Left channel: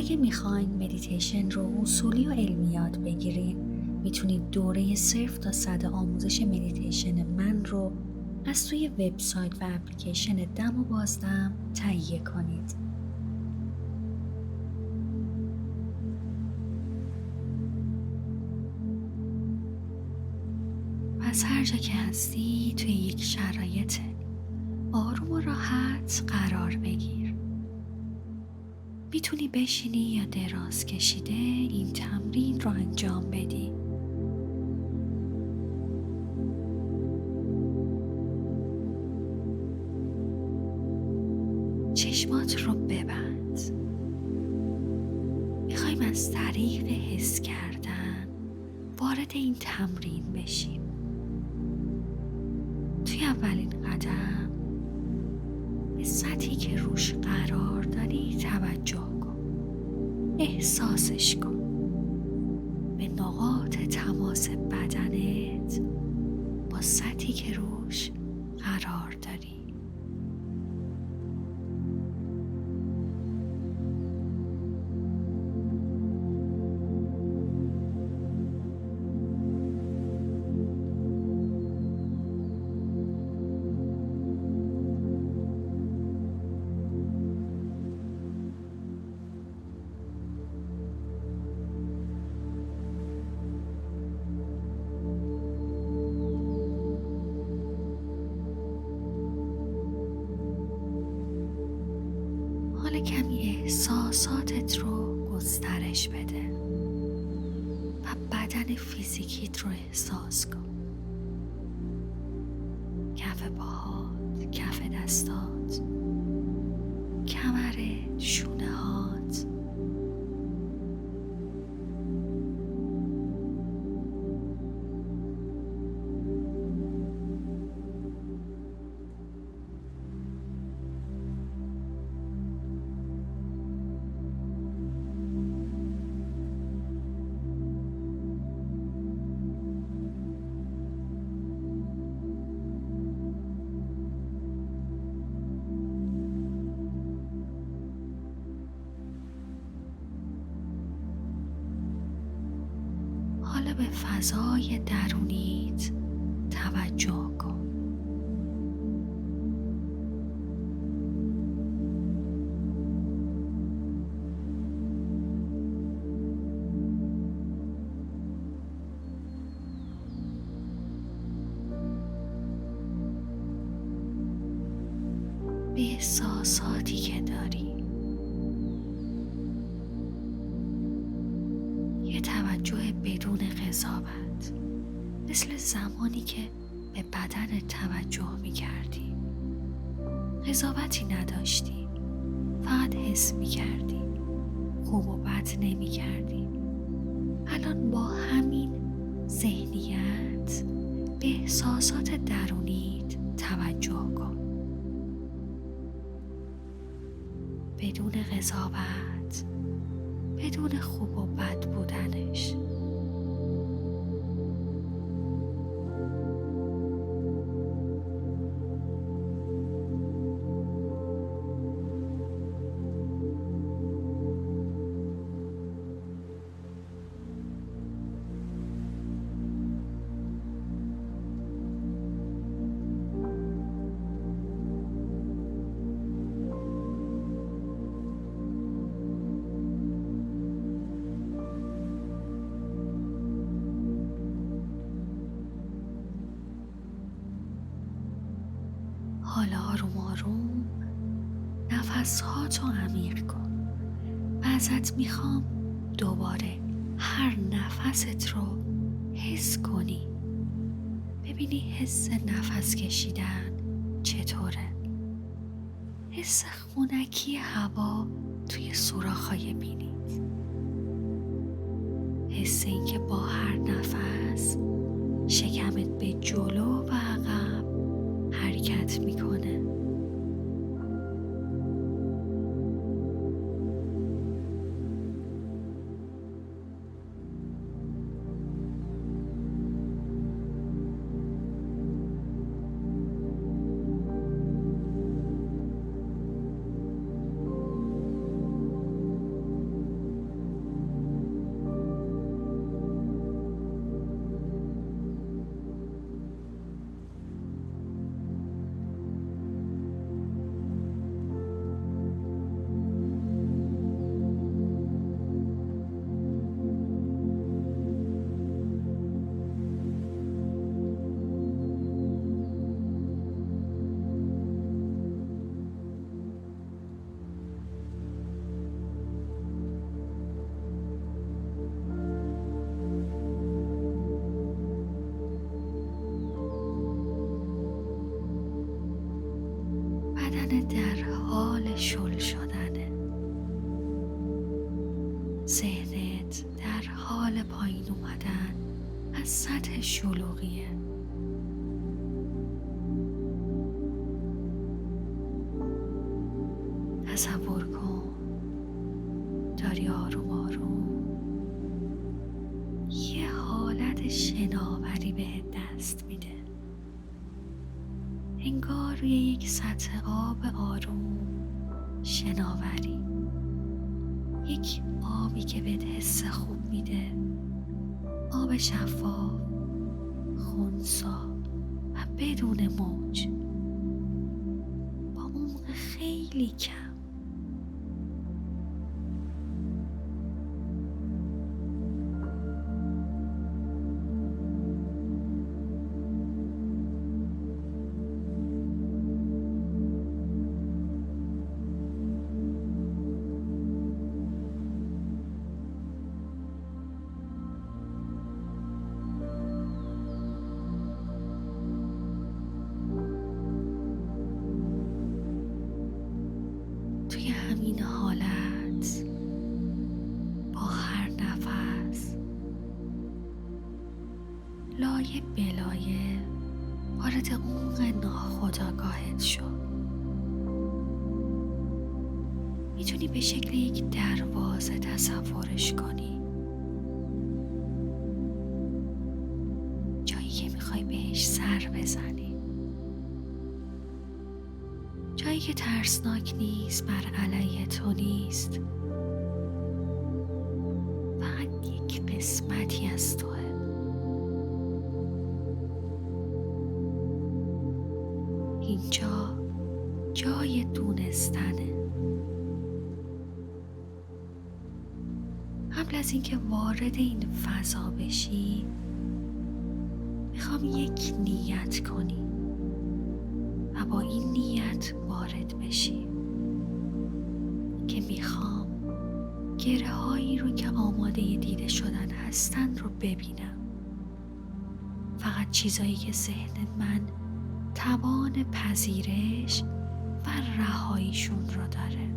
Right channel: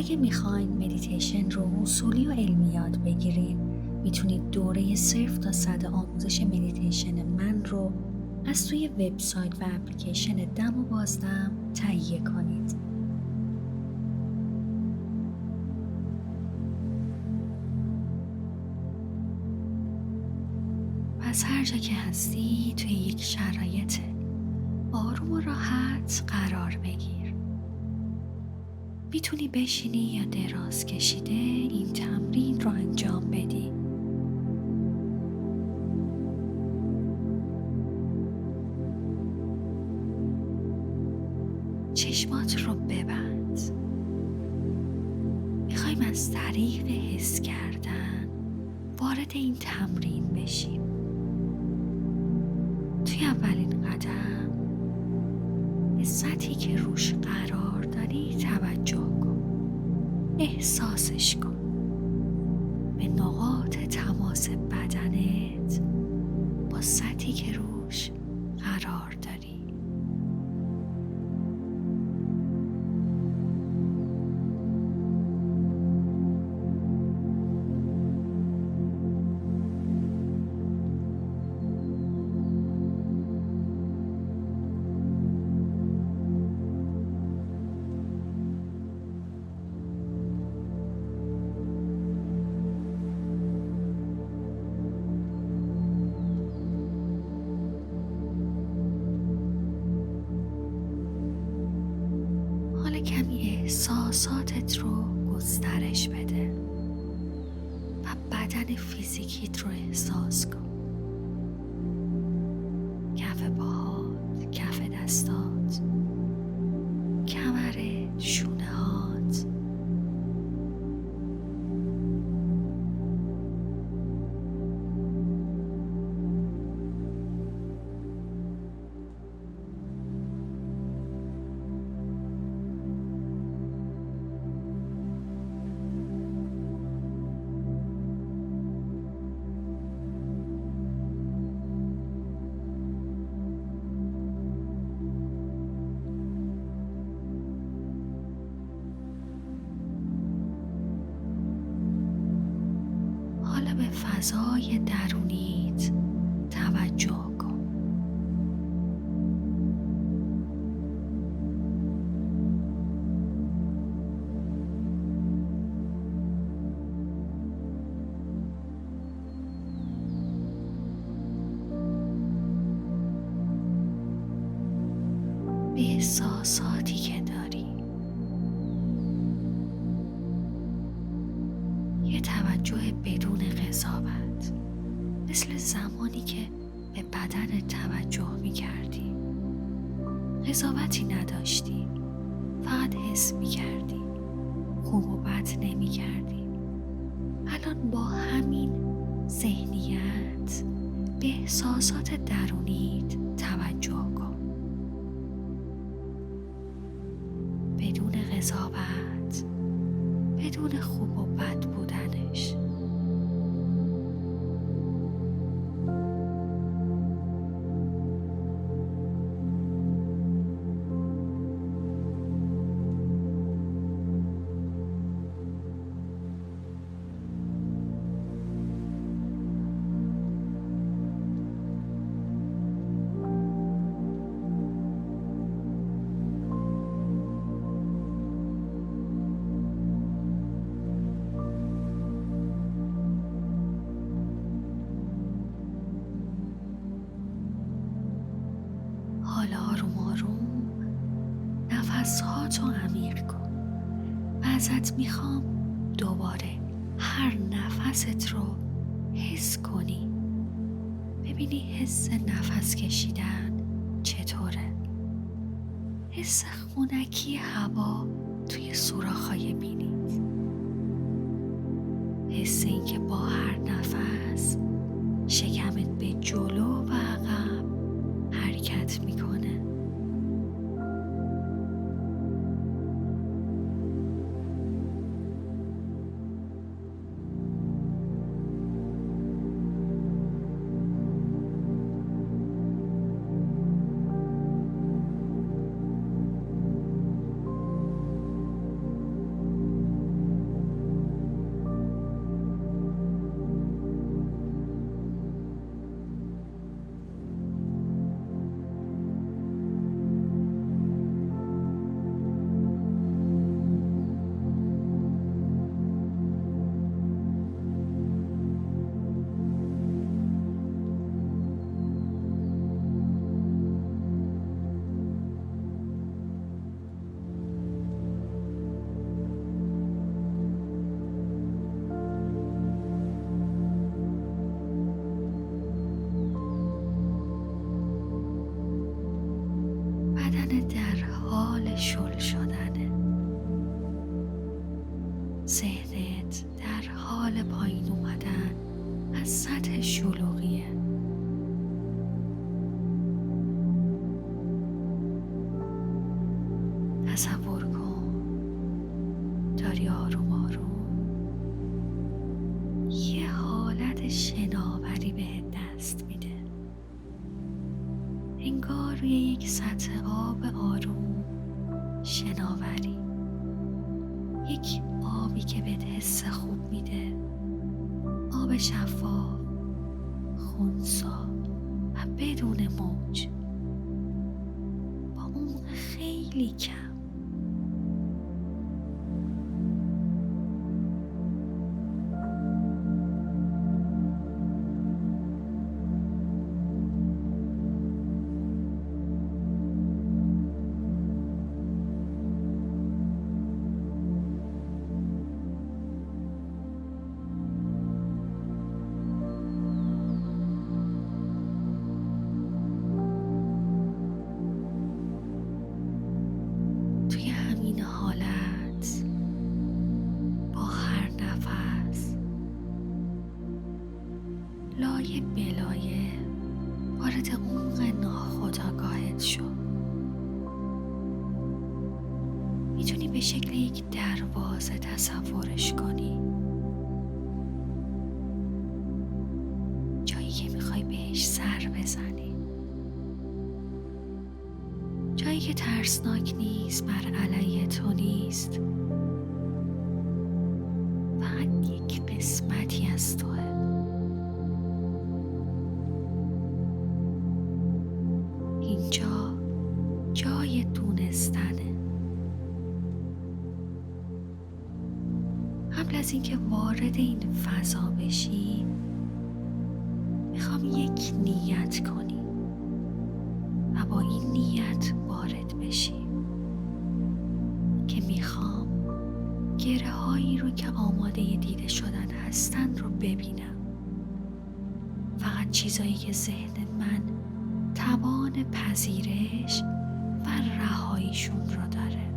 اگه میخواین مدیتیشن رو اصولی و علمی یاد بگیرین، میتونید دوره 0 تا 100 آموزش مدیتیشن من رو از توی وبسایت و اپلیکیشن دم و بازدم تهیه کنید. پس هر جا که هستی توی یک شرایط آروم و راحت قرار بگیر. میتونی بشینی یا دراز کشیده این تمرین رو انجام بدی. چشمات رو ببند. میخوایم از طریق حس کردن وارد این تمرین بشیم. توی اولین قدم به سطحی که روش قرار داری توجه کن. احساسش کن. به نقاط تماس بدنت با سطحی که روش قرار داری. کمی احساساتت رو گسترش بده و بدن فیزیکیت رو احساس کن. کف پاهات، کف دستات، کمرت، شونه هات. حالا به فضای درونیت توجه کن. به احساساتی که داری. یه توجه بدون قضاوت، مثل زمانی که به بدن توجه می کردی. قضاوتی نداشتی، فقط حس می کردی. خوب و بد نمی کردی. الان با همین ذهنیت به احساسات درونیت توجه کن. بدون قضاوت، بدون خوب و بد بودنش. حالا آروم آروم نفس‌هاتو عمیق کن و ازت میخوام دوباره هر نفست رو حس کنی. ببینی حس نفس کشیدن چطوره. حس خنکی هوا توی سوراخ‌های بینیت. حس این که با هر نفس شکمت به جلو و عقب حرکت میکنه. حال شل شدنه. ذهنت در حال پایین اومدن از سطح شلوغیه. تصور کن داری آروم آروم یه حالت شناوری بهت دست میده. انگار روی یک سطح آب آروم شناوری، یک آبی که بهت حس خوب میده، آب شفاف، خنثی و بدون موج، با عمق خیلی کم. توی همین حالت با هر نفس لایه بلایه وارد عمق ناخودآگاهت شد. میتونی به شکل یک دروازه تصورش کنی، جایی که میخوای بهش سر بزنی، جایی که ترسناک نیست، بر علیه تو نیست، فقط یک قسمتی از توه. اینجا جای دونستنه. قبل از اینکه وارد این فضا بشی میخوام یک نیت کنی و با این نیت وارد بشی که میخوام گره هایی رو که آماده دیده شدن هستن رو ببینم. فقط چیزایی که ذهن من توان پذیرش و رهاییشون رو داره.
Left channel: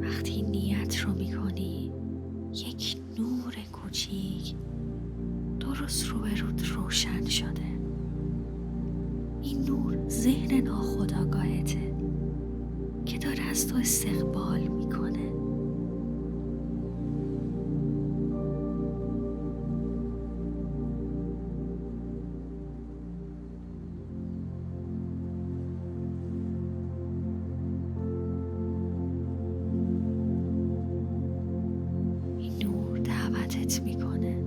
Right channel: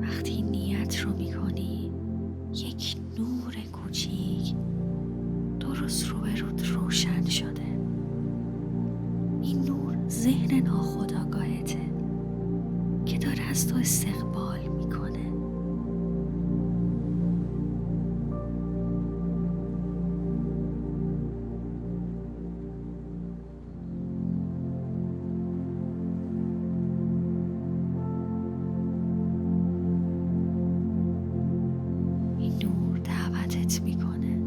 وقتی نیت رو میکنی یک نور کوچیک درست روبروت روشن شده. این نور ذهن ناخودآگاهته که داره از تو استقبال میکنه. دعوتت میکنه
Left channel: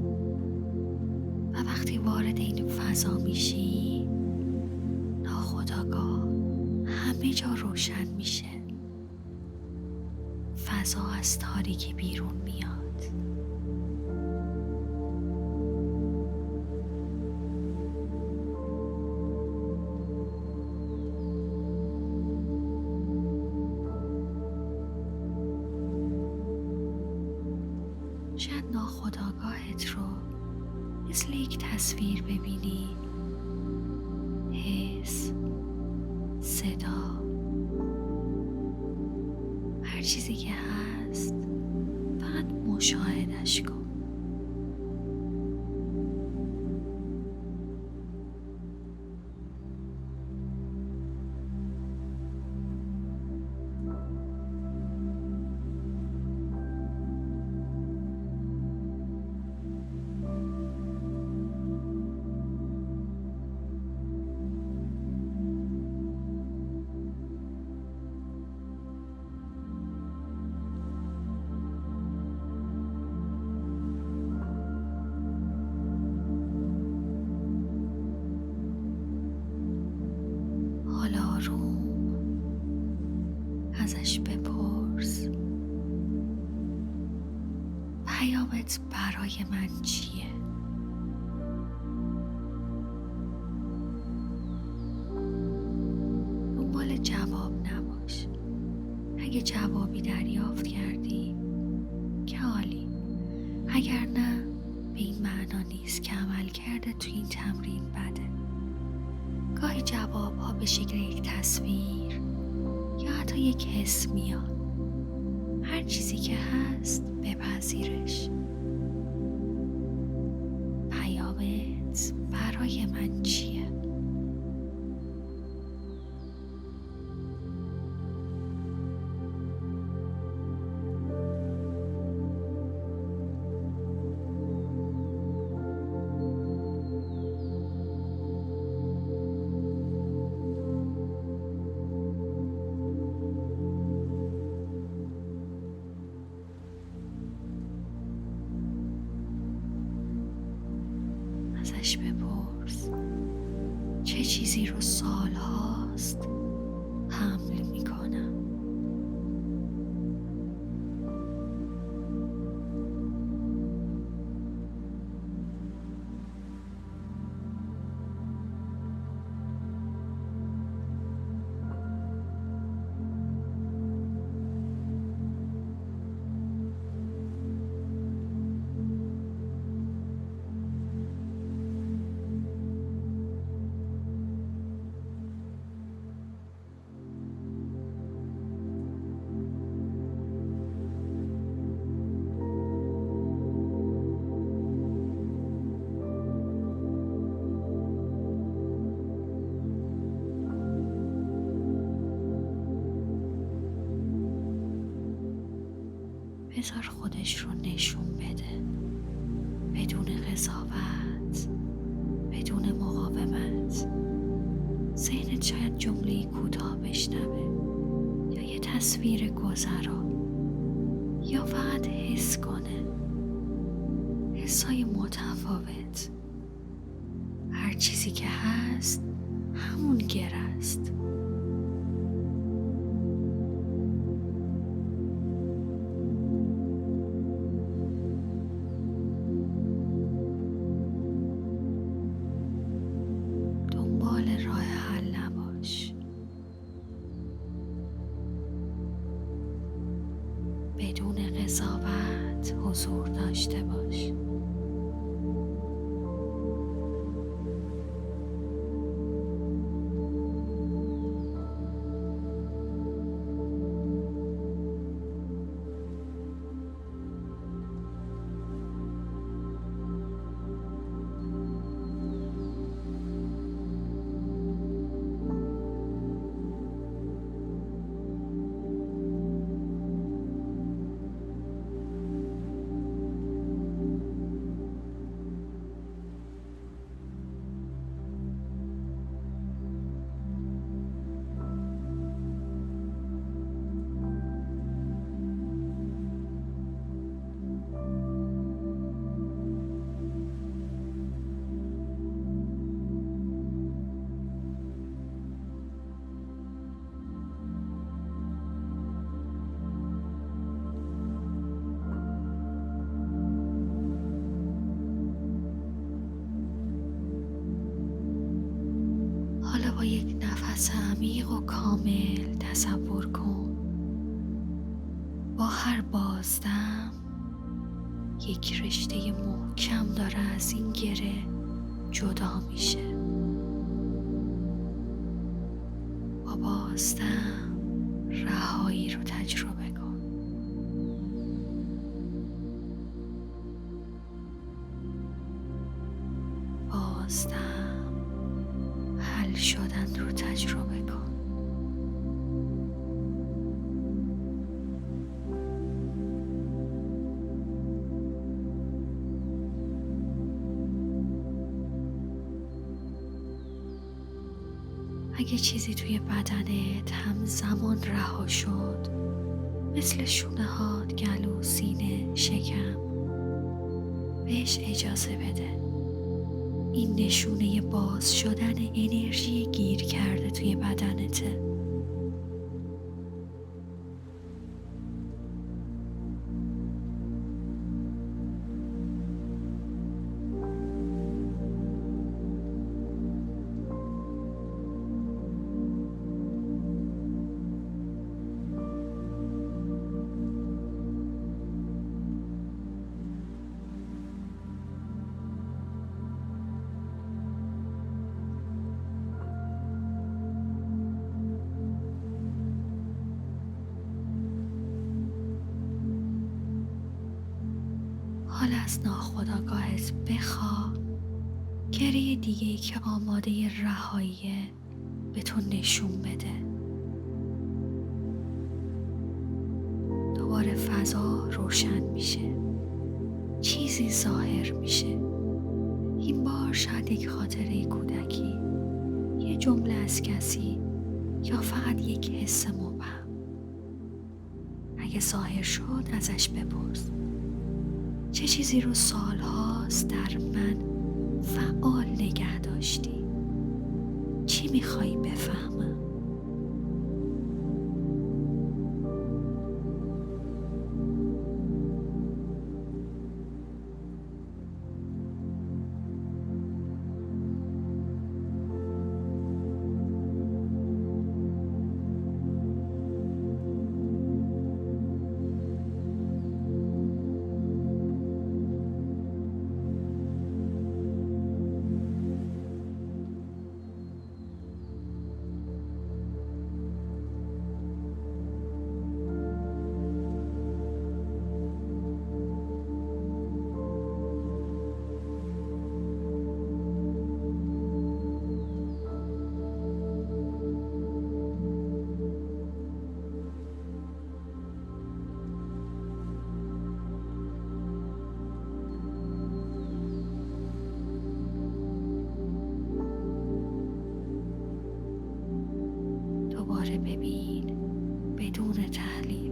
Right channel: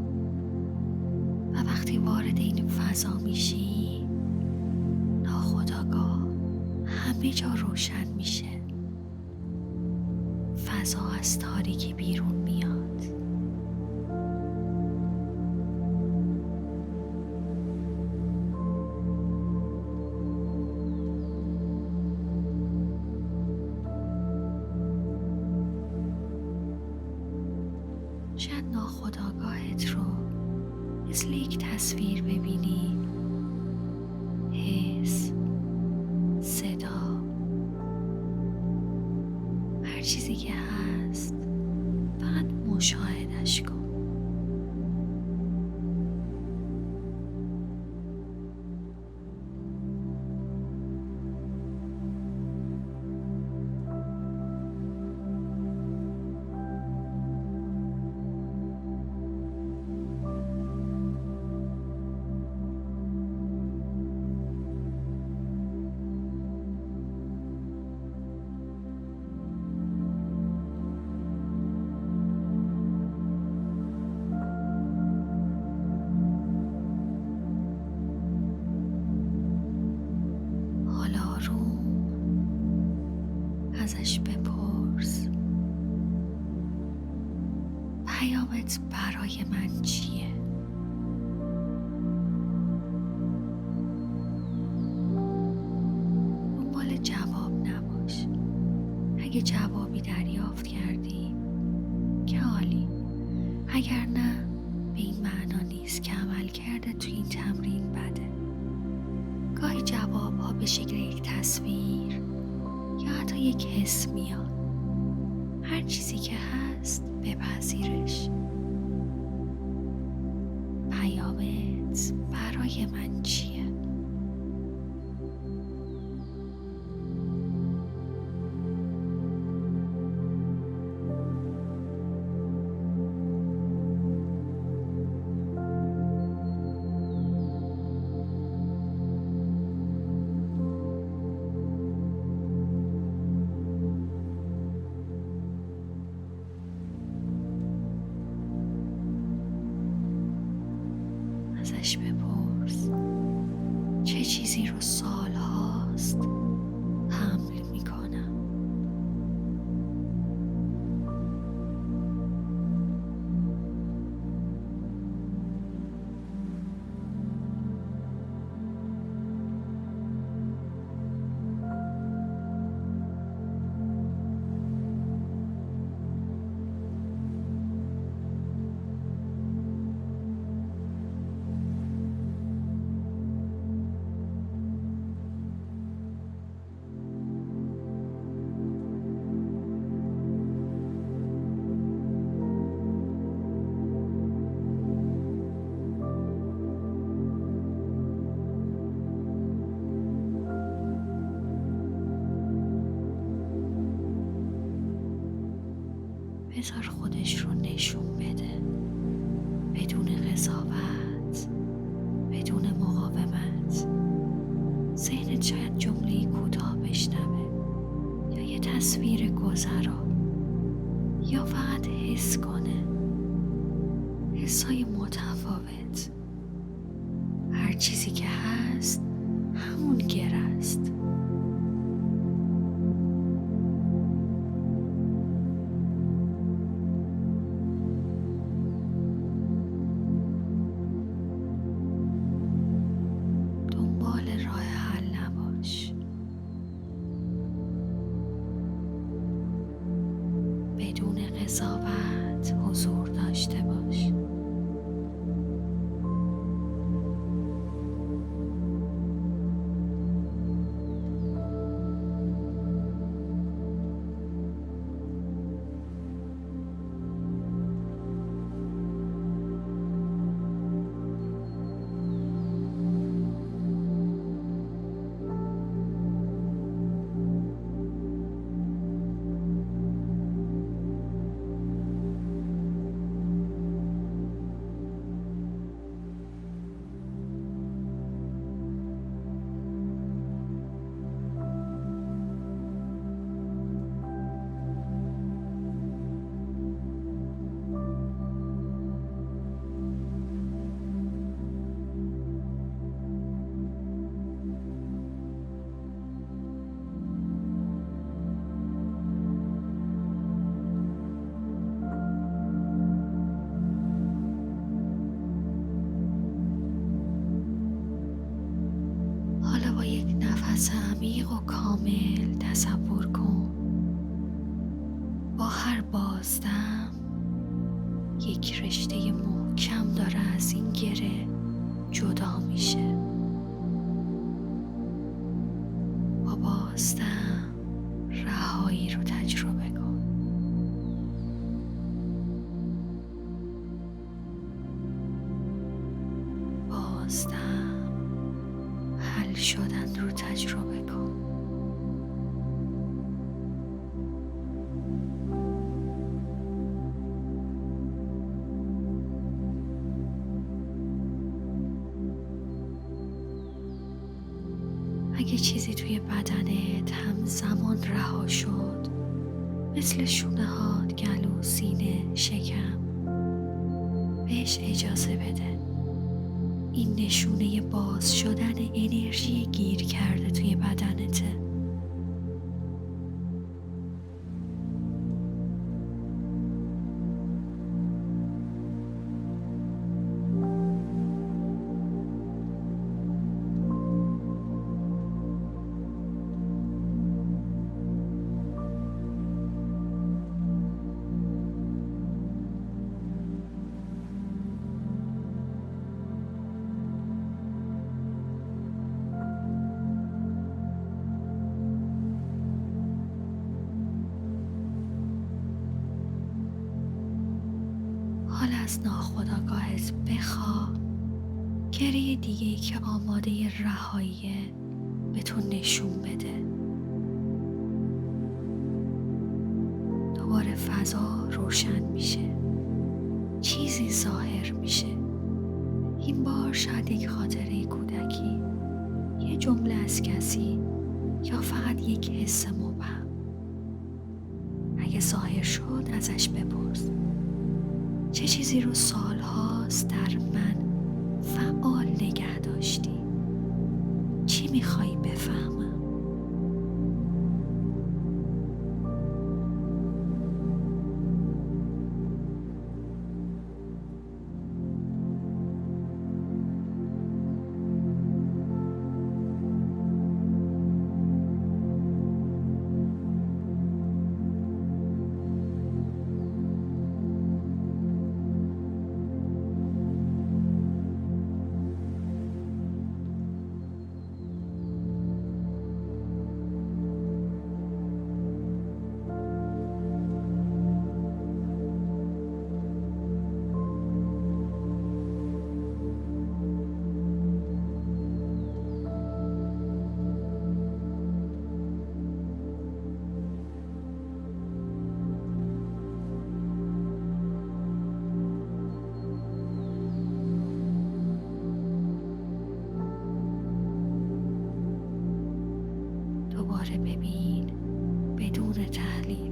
و وقتی وارد این فضا میشی ناخودآگاه همه جا روشن میشه. فضا از تاریکی بیرون میاد. شاید ناخودآگاهت رو مثل یک تصویر ببینی، حس، صدا، هر چیزی که هست فقط مشاهدش کن. حالا آروم ازش بپرس پیامت برای من چیه؟ دنبال جواب نباش. اگه جوابی دریافت کردی که عالی، اگر نه به این معنا نیست که عمل کرده تو این تمرین بده. گاهی جواب ها به شکل یک تصویر یا حتی یک حس میاد. هر چیزی که هست بپذیرش. پیامت برای من چیه؟ ازش بپرس چه چیزی رو سال هاست حمل میکنم. بذار خودش رو نشون بده، بدون قضاوت، بدون مقاومت. ذهنت شاید جمله کوتاه بشنوه یا یه تصویر گذرا یا فقط حس کنه. حسای متفاوت. هر چیزی که هست همون گره است. دنبال راه حل نباش. بدون قضاوت حضور داشته باش. حالا با یک نفس عمیق و کامل تصور کن با هر بازدم یک رشته محکم داره از این گره جدا میشه. با بازدم رهایی رو تجربه کن. بازدم حل شدن رو تجربه کن. اگه چیزی توی بدنت همزمان رها شد، مثل شونه هات، گلو، سینه، شکم، بهش اجازه بده. این نشونه باز شدن انرژی گیر کرده توی بدنته. حالا از ناخودآگاهت بخوا گره دیگه‌ای که آماده رهاییه به تو نشون بده. دوباره فضا روشن میشه، چیزی ظاهر میشه. این بار شاید یک خاطره کودکی، یه جمله از کسی، یا فقط یک حس مبهم. اگه ظاهر شد ازش بپرس چه چیزی رو سالهاست در من فعال نگه داشتی؟ چی میخوایی بفهمم؟ دوباره ببین بدون تحلیل.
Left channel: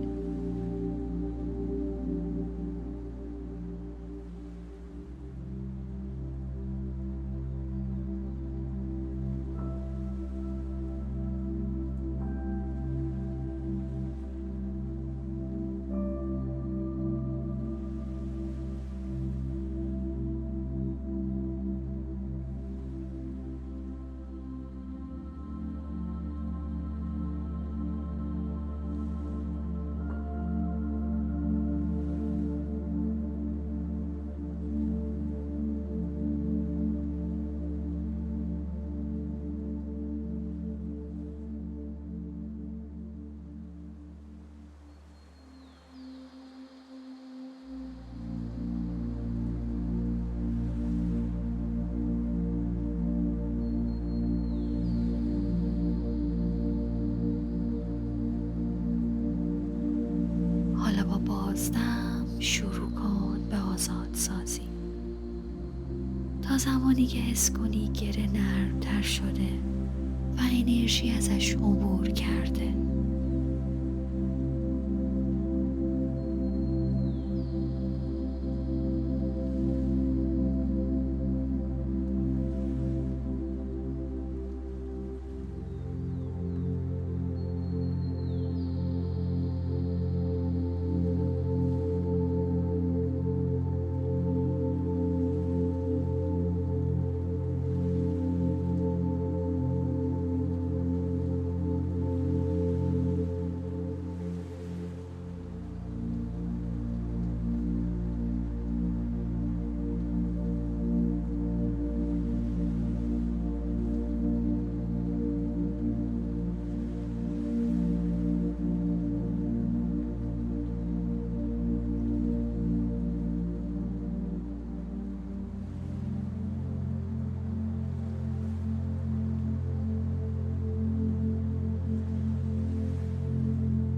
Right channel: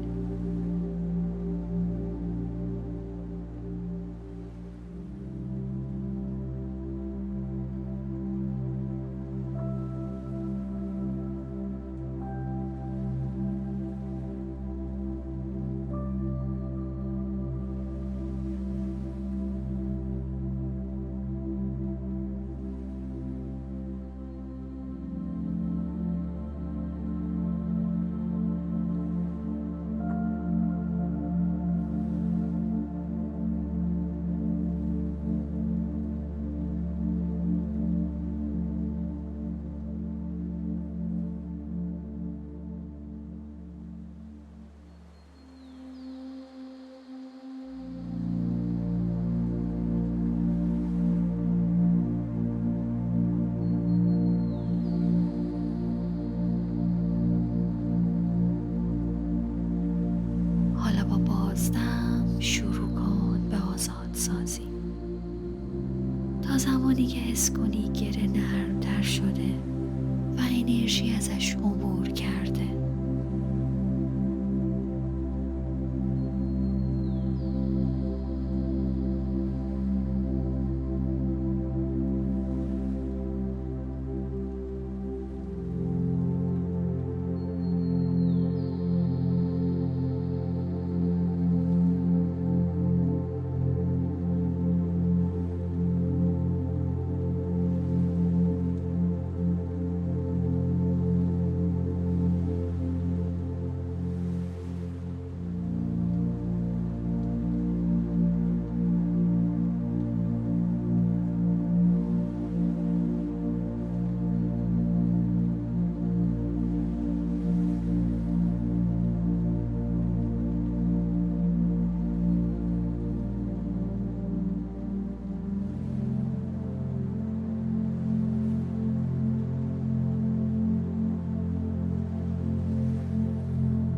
حالا با بازدم شروع کن به آزادسازی تا زمانی که حس کنی گره نرم‌تر شده و انرژی ازش عبور کرده.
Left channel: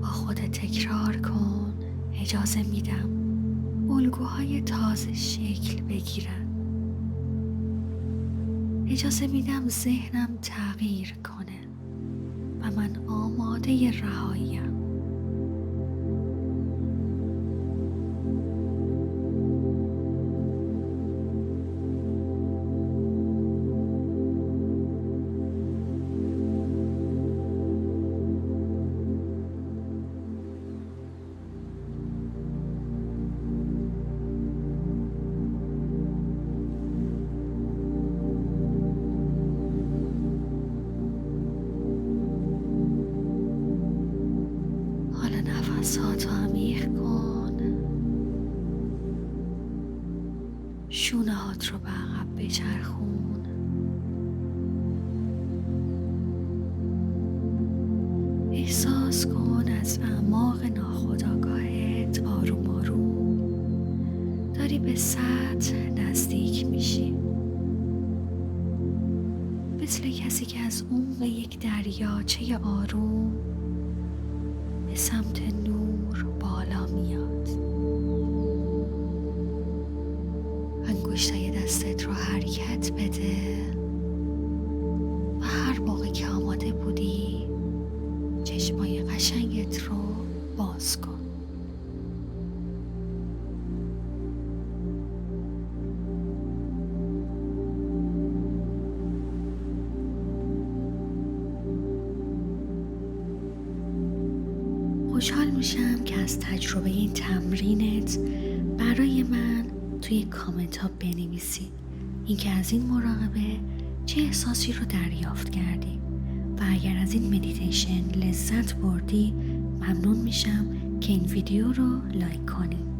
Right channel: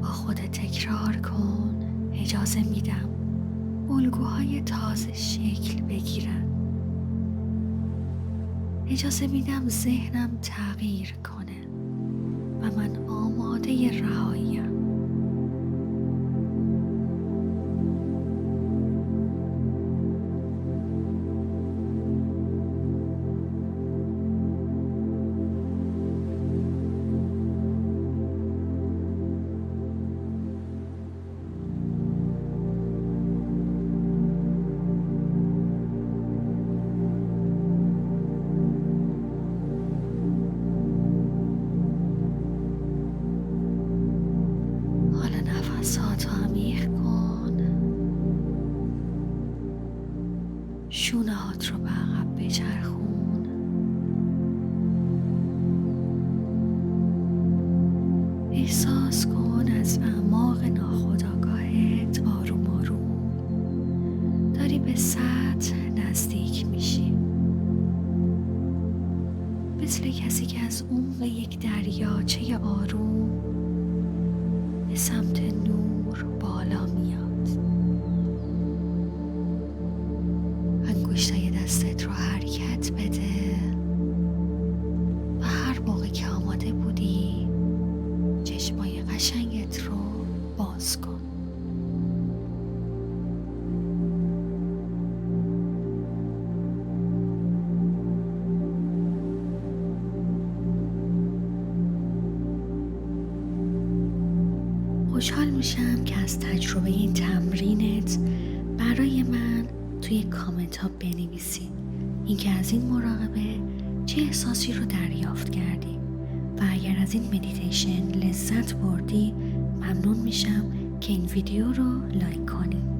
خودت تکرار کن اجازه میدم الگوهای تازه شکل بگیرن. اجازه میدم ذهنم تغییر کنه و من آماده رهاییم. نفساتو عمیق کن، شونه هات رو به عقب بچرخون، احساس کن از اعماق ناخودآگاهت آروم آروم داری به سطح نزدیک میشی، مثل کسی که از عمق یک دریاچه آروم به سمت نور بالا میاد. انگشتای دستت رو حرکت بده و هر موقع که آماده بودی چشمای قشنگت رو باز کن. خوشحال میشم که از تجربه این تمرینت برای من توی کامنت ها بنویسی اینکه از این مراقبه چه احساسی رو دریافت کردی و اگر از این مدیتیشن لذت بردی ممنون میشم که این ویدیو رو لایک کنی.